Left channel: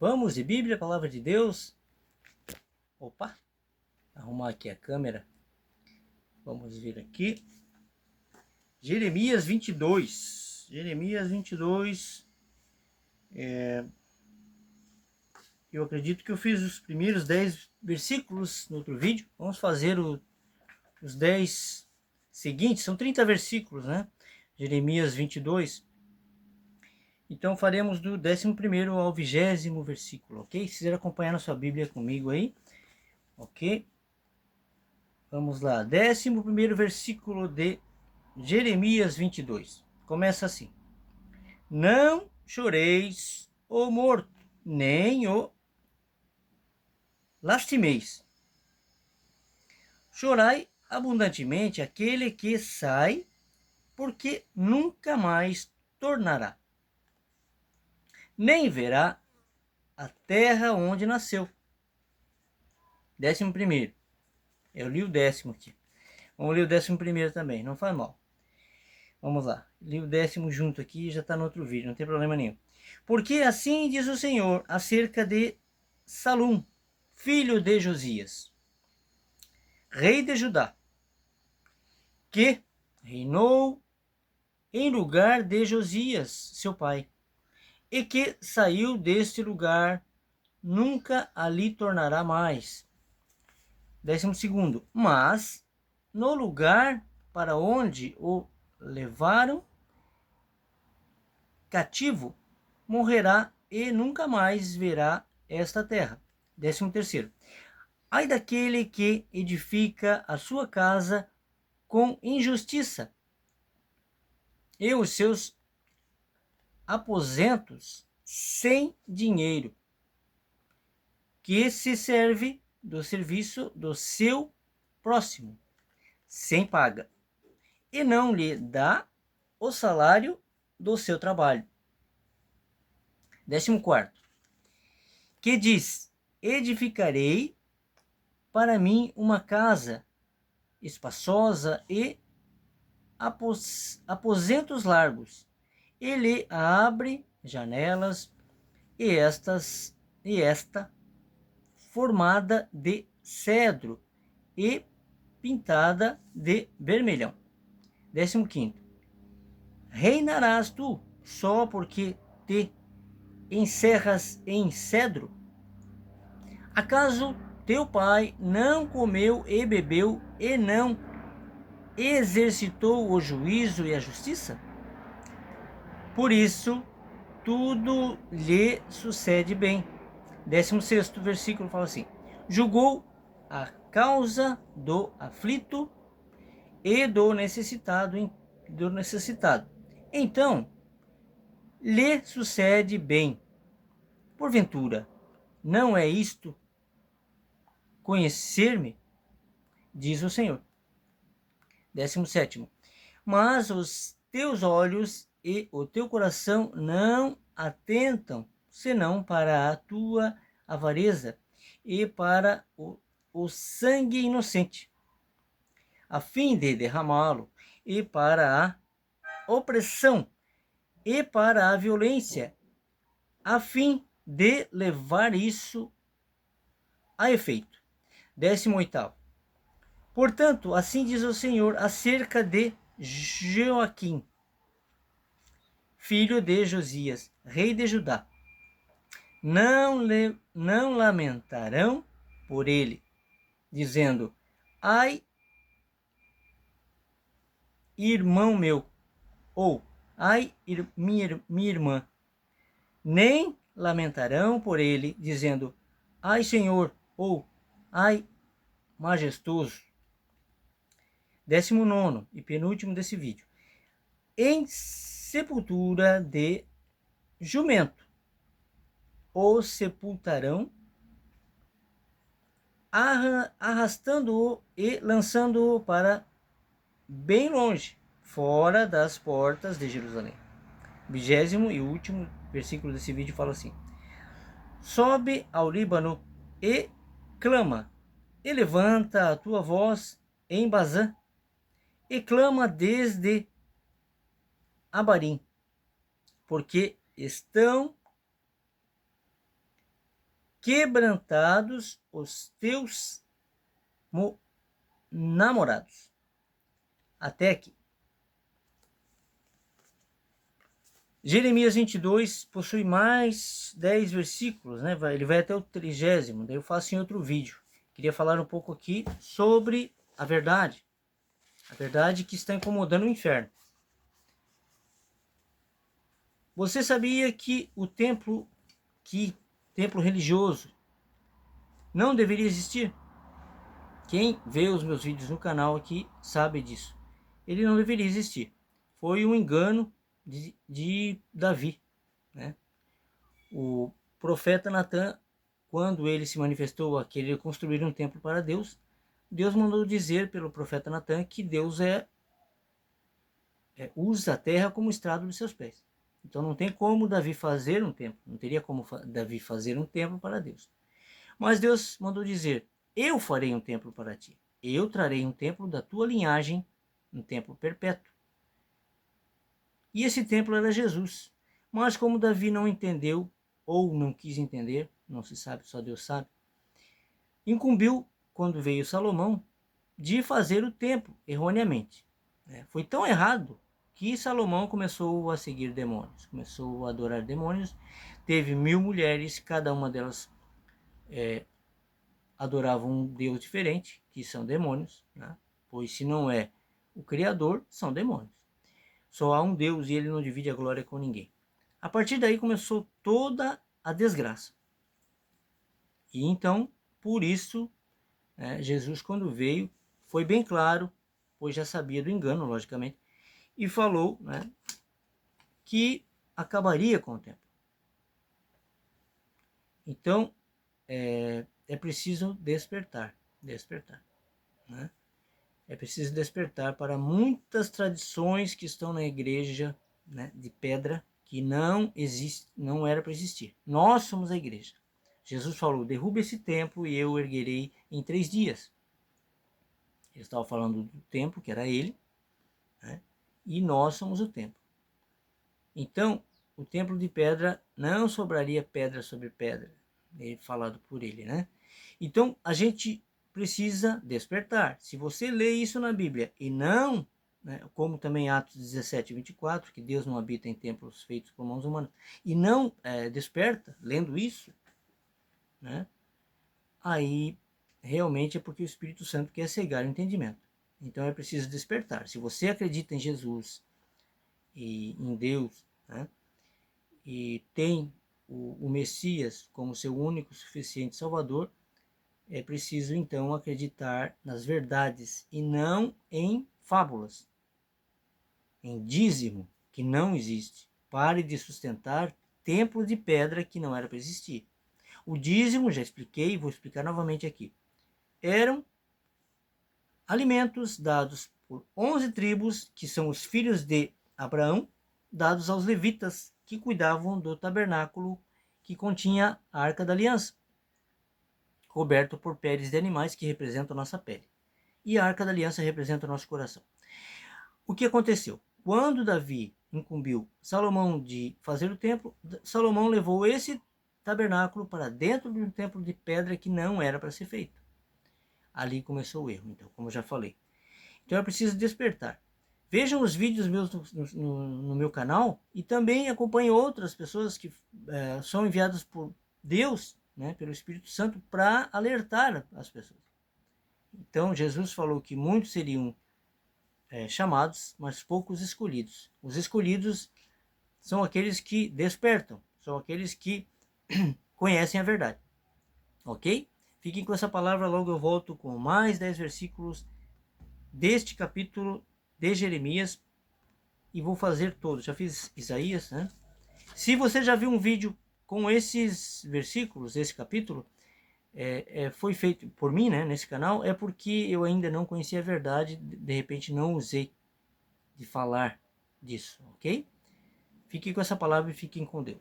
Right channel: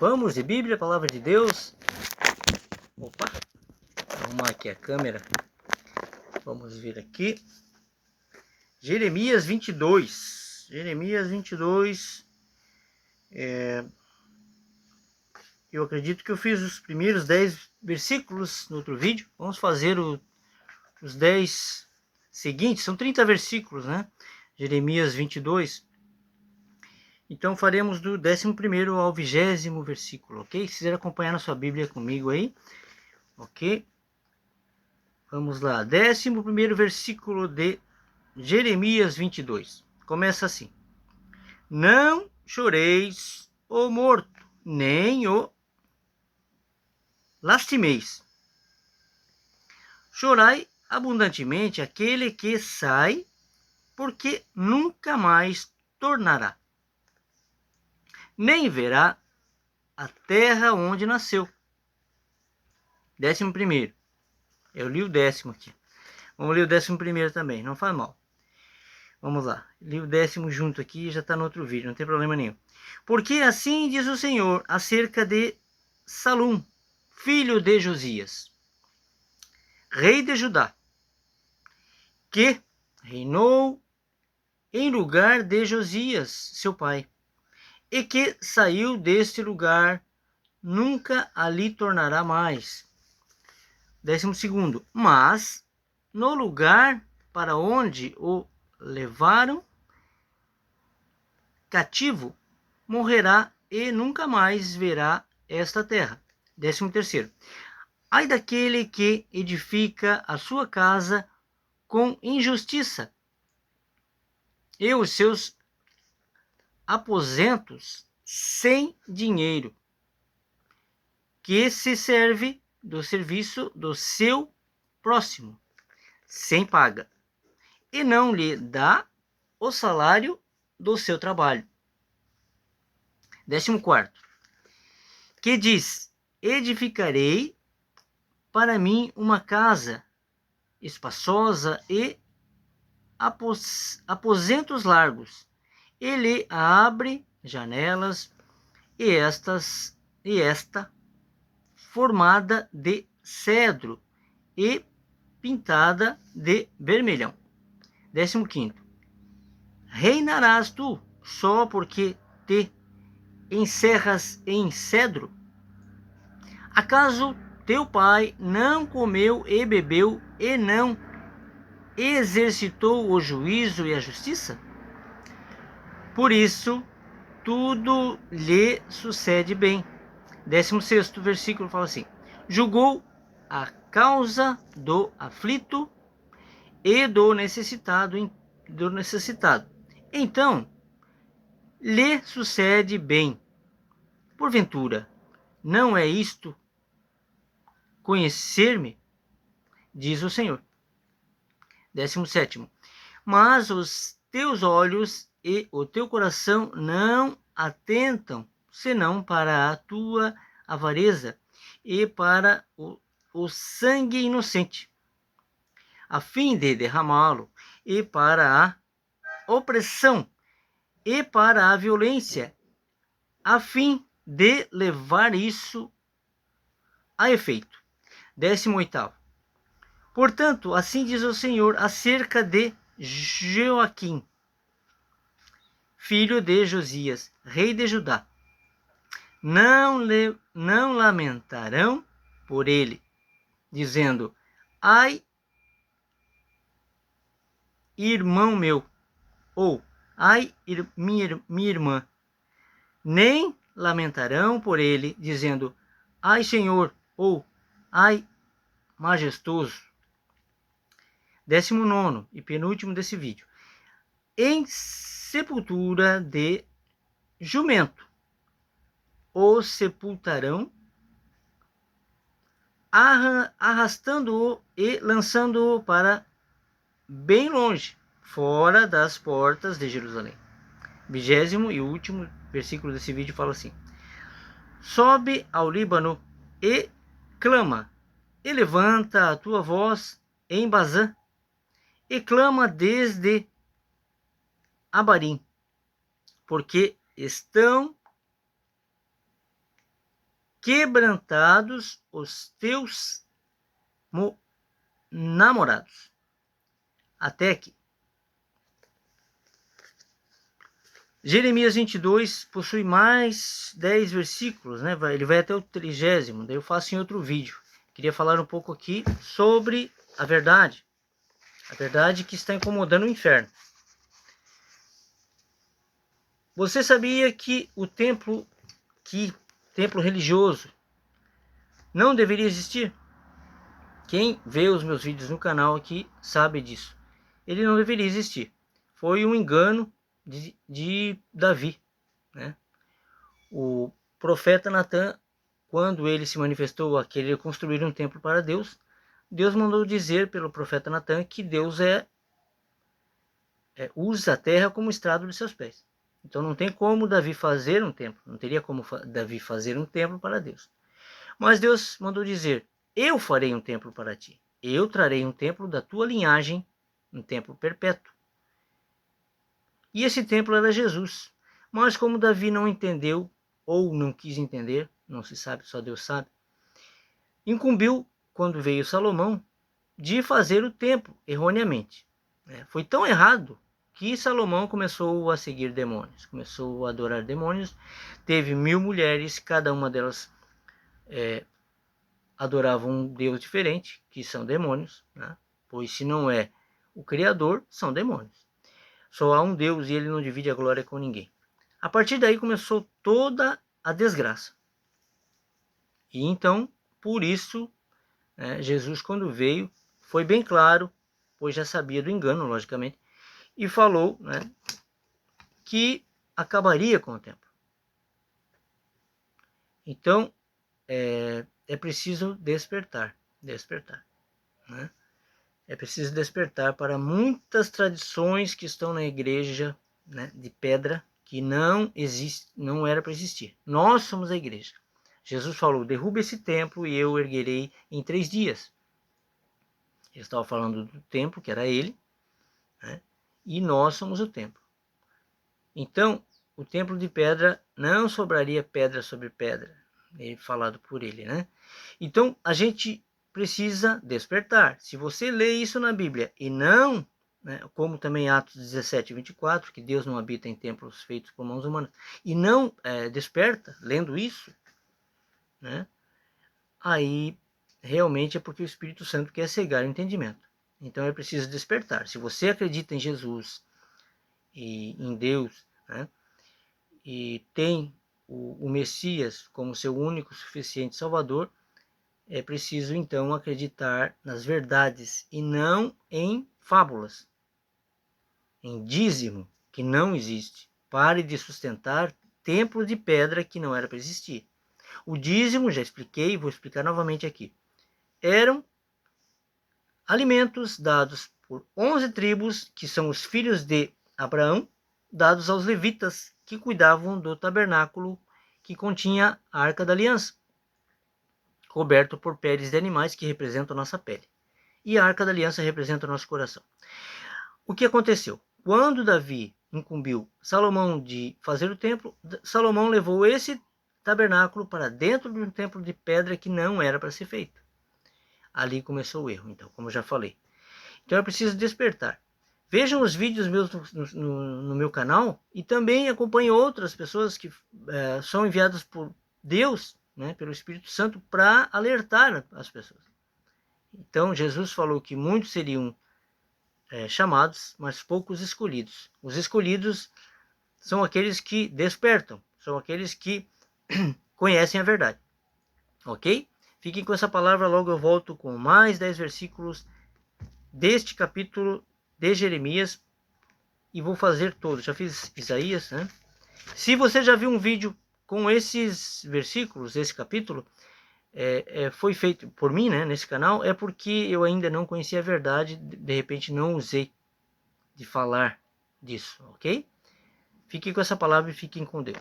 Vamos de Bíblia, Palavra de Deus. Opa, vou arrumar aqui a câmera. Vamos ver aqui. Jeremias 22. Jeremias 22. Eu acredito que eu fiz os primeiros 10 versículos no outro vídeo. Vamos fazer os 10 seguintes. São 30 versículos, né? Jeremias 22. Então faremos do 11º ao 20º versículo, ok? Se quiser acompanhar na sua Bíblia comigo aí, ok? Vamos lá, 11º versículo de Jeremias 22. Começa assim: Não choreis o morto, nem o lastimeis. Chorai abundantemente aquele que sai, porque nunca mais tornará, nem verá a terra onde nasceu. 11º. Eu li o 10º aqui. Vamos ler o 11º também, não faz mal. Vamos lá. Li o 10º junto aqui, já está no outro vídeo, não tem problema nenhum. Porque assim diz o Senhor acerca de Salum, filho de Josias, rei de Judá, que reinou em lugar de Josias, seu pai, e que saiu deste lugar, nunca ali tornará mais. 12º. Mas no lugar para onde o levaram cativo, morrerá e nunca mais verá esta terra. 13º. Ai daquele que edifica a sua casa com injustiça, e os seus aposentos sem dinheiro, que se serve do serviço do seu próximo, sem paga, e não lhe dá o salário do seu trabalho. 14º. Que diz: edificarei para mim uma casa espaçosa e aposentos largos. Ele abre janelas e esta formada de cedro e pintada de vermelhão. 15º. Reinarás tu só porque te encerras em cedro? Acaso teu pai não comeu e bebeu e não exercitou o juízo e a justiça? Por isso, tudo lhe sucede bem. 16º versículo fala assim: julgou a causa do aflito e do necessitado. Então, lhe sucede bem. Porventura, não é isto conhecer-me? Diz o Senhor. 17º. Mas os teus olhos e o teu coração não atentam, senão para a tua avareza e para o sangue inocente, a fim de derramá-lo, e para a opressão e para a violência, a fim de levar isso a efeito. 18º. Portanto, assim diz o Senhor acerca de Joaquim, filho de Josias, rei de Judá: não lamentarão por ele, dizendo: ai, irmão meu, ou ai, minha irmã. Nem lamentarão por ele, dizendo: ai, Senhor, ou ai, majestoso. 19º e penúltimo desse vídeo. Em sepultura de jumento o sepultarão, arrastando-o e lançando-o para bem longe, fora das portas de Jerusalém. 20º e último versículo desse vídeo fala assim: sobe ao Líbano e clama, e levanta a tua voz em Bazã, e clama desde Abarim, porque estão quebrantados os teus namorados. Até aqui. Jeremias 22 possui mais 10 versículos, né? Ele vai até o 30º, daí eu faço em outro vídeo. Queria falar um pouco aqui sobre a verdade que está incomodando o inferno. Você sabia que o templo religioso não deveria existir? Quem vê os meus vídeos no canal aqui sabe disso. Ele não deveria existir. Foi um engano de Davi, né? O profeta Natan, quando ele se manifestou a querer construir um templo para Deus, Deus mandou dizer pelo profeta Natan que Deus usa a terra como estrado de seus pés. Então não tem como Davi fazer um templo, não teria como Davi fazer um templo para Deus. Mas Deus mandou dizer: eu farei um templo para ti, eu trarei um templo da tua linhagem, um templo perpétuo. E esse templo era Jesus. Mas como Davi não entendeu, ou não quis entender, não se sabe, só Deus sabe, incumbiu, quando veio Salomão, de fazer o templo erroneamente. Foi tão errado que Salomão começou a seguir demônios, começou a adorar demônios, teve 1000 mulheres, cada uma delas adorava um Deus diferente, que são demônios, né? Pois se não é o Criador, são demônios. Só há um Deus e ele não divide a glória com ninguém. A partir daí começou toda a desgraça. E então, por isso, Jesus, quando veio, foi bem claro, pois já sabia do engano, logicamente, e falou, que acabaria com o templo. Então, é preciso despertar. Né? É preciso despertar para muitas tradições que estão na igreja, né, de pedra, que não existe, não era para existir. Nós somos a igreja. Jesus falou: derruba esse templo e eu erguerei em 3 dias. Ele estava falando do templo, que era ele, né, e nós somos o templo. Então, o templo de pedra não sobraria pedra sobre pedra, falado por ele, né? Então, a gente precisa despertar. Se você lê isso na Bíblia e não, como também Atos 17, 24, que Deus não habita em templos feitos por mãos humanas, e não desperta, lendo isso, né, aí realmente é porque o Espírito Santo quer cegar o entendimento. Então é preciso despertar. Se você acredita em Jesus e em Deus, né, e tem o Messias como seu único suficiente Salvador, é preciso então acreditar nas verdades e não em fábulas, em dízimo que não existe. Pare de sustentar templo de pedra que não era para existir. O dízimo, já expliquei, vou explicar novamente aqui, eram alimentos dados por 11 tribos, que são os filhos de Abraão, dados aos levitas, que cuidavam do tabernáculo que continha a Arca da Aliança, coberto por peles de animais que representam a nossa pele. E a Arca da Aliança representa o nosso coração. O que aconteceu? Quando Davi incumbiu Salomão de fazer o templo, Salomão levou esse tabernáculo para dentro de um templo de pedra que não era para ser feito. Ali começou o erro, então, como eu já falei. Então é preciso despertar. Vejam os vídeos meus no meu canal e também acompanhem outras pessoas que são enviadas por Deus, né, pelo Espírito Santo, para alertar as pessoas. Então Jesus falou que muitos seriam chamados, mas poucos escolhidos. Os escolhidos são aqueles que despertam, são aqueles que conhecem a verdade. Ok? Fiquem com essa palavra, logo eu volto com mais 10 versículos deste capítulo de Jeremias e vou fazer todos. Já fiz Isaías, né? Se você já viu um vídeo com esses versículos, esse capítulo, foi feito por mim, né, nesse canal, é porque eu ainda não conhecia a verdade, de repente não usei de falar disso, ok? Fiquem com essa palavra e fiquem com Deus.